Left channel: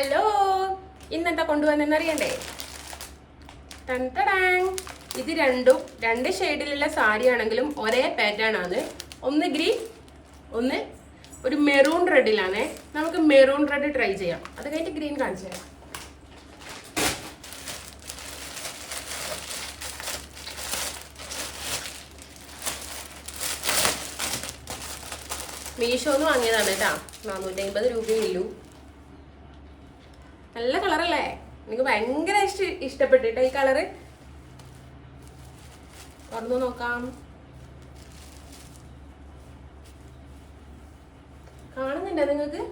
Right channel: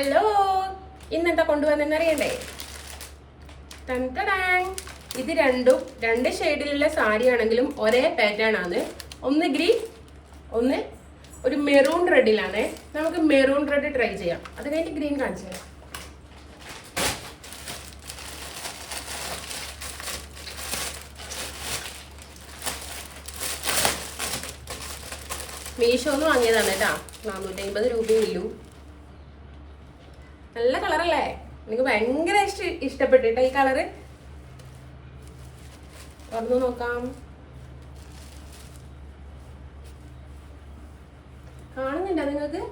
Hello, ഇന്നെന്താ കൊണ്ടുവന്നെന്നറിയണ്ടേ? ഇത് രണ്ട് ഷെയ്ഡിലുള്ള സാരി ആണെങ്കിലും ഒരേ പാറ്റേൺ ആണ്. ഒന്ന് ഗ്രീൻ, ഒന്ന് ഒരു മെറൂൺ റെഡിലാണ്. നമുക്ക് മെറൂൺ റെഡ് ട്രൈ ചെയ്യാം. അത് കഴിഞ്ഞിട്ട് ഗ്രീൻ കാണിച്ചു തരാം. മീഷോന്ന് വാങ്ങിയതാണ് കേട്ടാ. 450 രൂപയേ ഉള്ളൂ. നല്ല കളറല്ലേ? എനിക്ക് ഭയങ്കര ഇഷ്ടപ്പെട്ടിട്ടാ ഈ കളറ്. തുറന്നു നോക്കാം. കാണുന്നുണ്ടോ നിങ്ങൾക്ക്?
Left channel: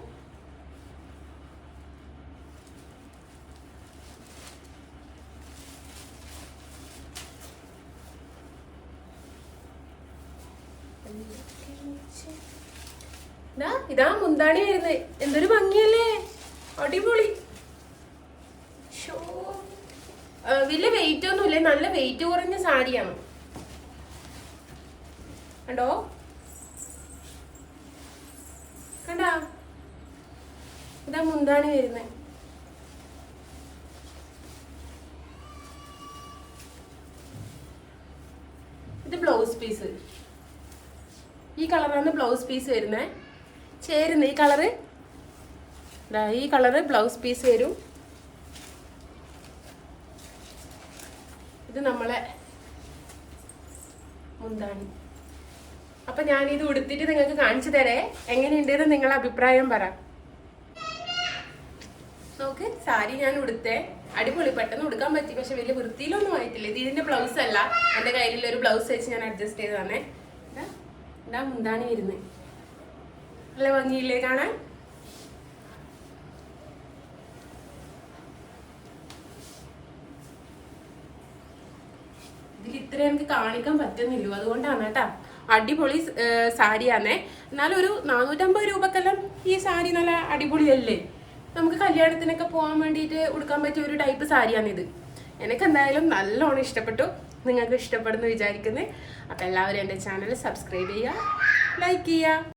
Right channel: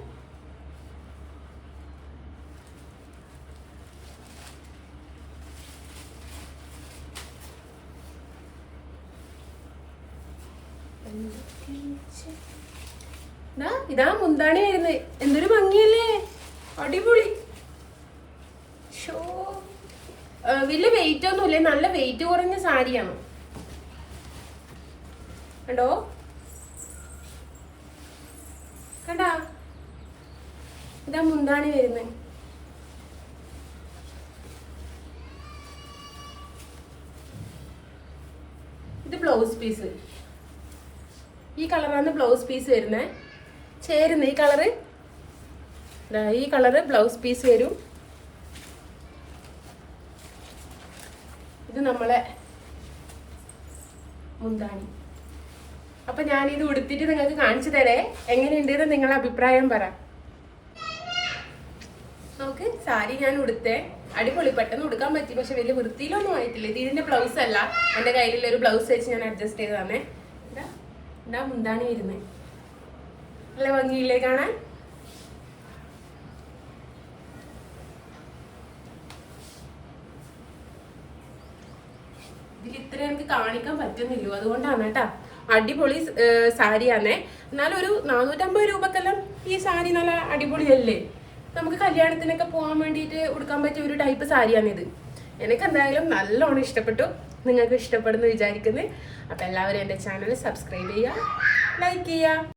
ഇതാ മുന്താണി വരുന്നത്. എന്തൊരു ഭംഗിയല്ലേ, അടിപൊളി. വലിയ വെയിറ്റ് ഒന്നുമില്ല, നല്ല വെയിറ്റ് കുറഞ്ഞ സാരിയാണ്. കണ്ടോ, കണ്ടാ? ഇതാ മുന്താണി വരുന്നത്. ഇത് ബ്ലൗസ് പീസ്. ഈ കളറാണ് ബ്ലൗസ് പീസ് വരുന്നത്. ചേരുന്ന ഈ കളറ്, ഈ കളറ് ബ്ലൗസ് പീസ് വരും. ഇത് നമ്മളെ മുന്താണി. അപ്പൊ ഞാനിത് ഉടുത്തിട്ട് നിങ്ങൾക്ക് കാണിച്ചു തരേ. എങ്ങനെയുണ്ടെന്ന് നിങ്ങളെ അഭിപ്രായം പറ. നോക്ക്, സാരി ഞാൻ ഉടുത്തേ. അടിപൊളി, പെട്ടെന്ന് ഉടുക്കാൻ പറ്റി. പക്ഷെ വലിയ വൃത്തിയിലൊന്നും ആയിട്ടില്ല. ഇത് ഇതിന്റെ ബ്ലൗസ് അല്ല, എന്റെ കയ്യിലുള്ള ഒരു ബ്ലൗസ് വെച്ച് ഞാൻ അഡ്ജസ്റ്റ് ചെയ്തതാണേ. ഇതാ മുന്താണി വരുന്നത്. നല്ല ഭംഗിയില്ലേ കാണാൻ? ഇതിൽ ഇത്ര എനിക്ക് കാണിക്കാൻ പറ്റുന്നില്ലോ, അതുകൊണ്ടാണ് കേട്ടാ. അടിപൊളി സാരിയാണേ. എന്നാലും ഒരു 450 രൂപക്കെല്ലാം ഈ സാരി നല്ല അടിപൊളിയല്ലേ? നമുക്ക് കല്യാണത്തിനൊക്കെ പോകാൻ വേണ്ടിയിട്ട് ഉടുക്കാൻ പറ്റിയ ഒരു ടൈപ്പ് സാരിയാണിത്. എനിക്ക് എന്തായാലും നല്ലോണം ഇഷ്ടപ്പെട്ടു. നിങ്ങൾക്ക് ഇഷ്ടപ്പെടുന്നു വിചാരിക്കുന്നത്. അപ്പം എല്ലാവരും എൻ്റെ ചാനൽ സബ്സ്ക്രൈബ് ചെയ്യുക, ലൈക്ക് ചെയ്യുക.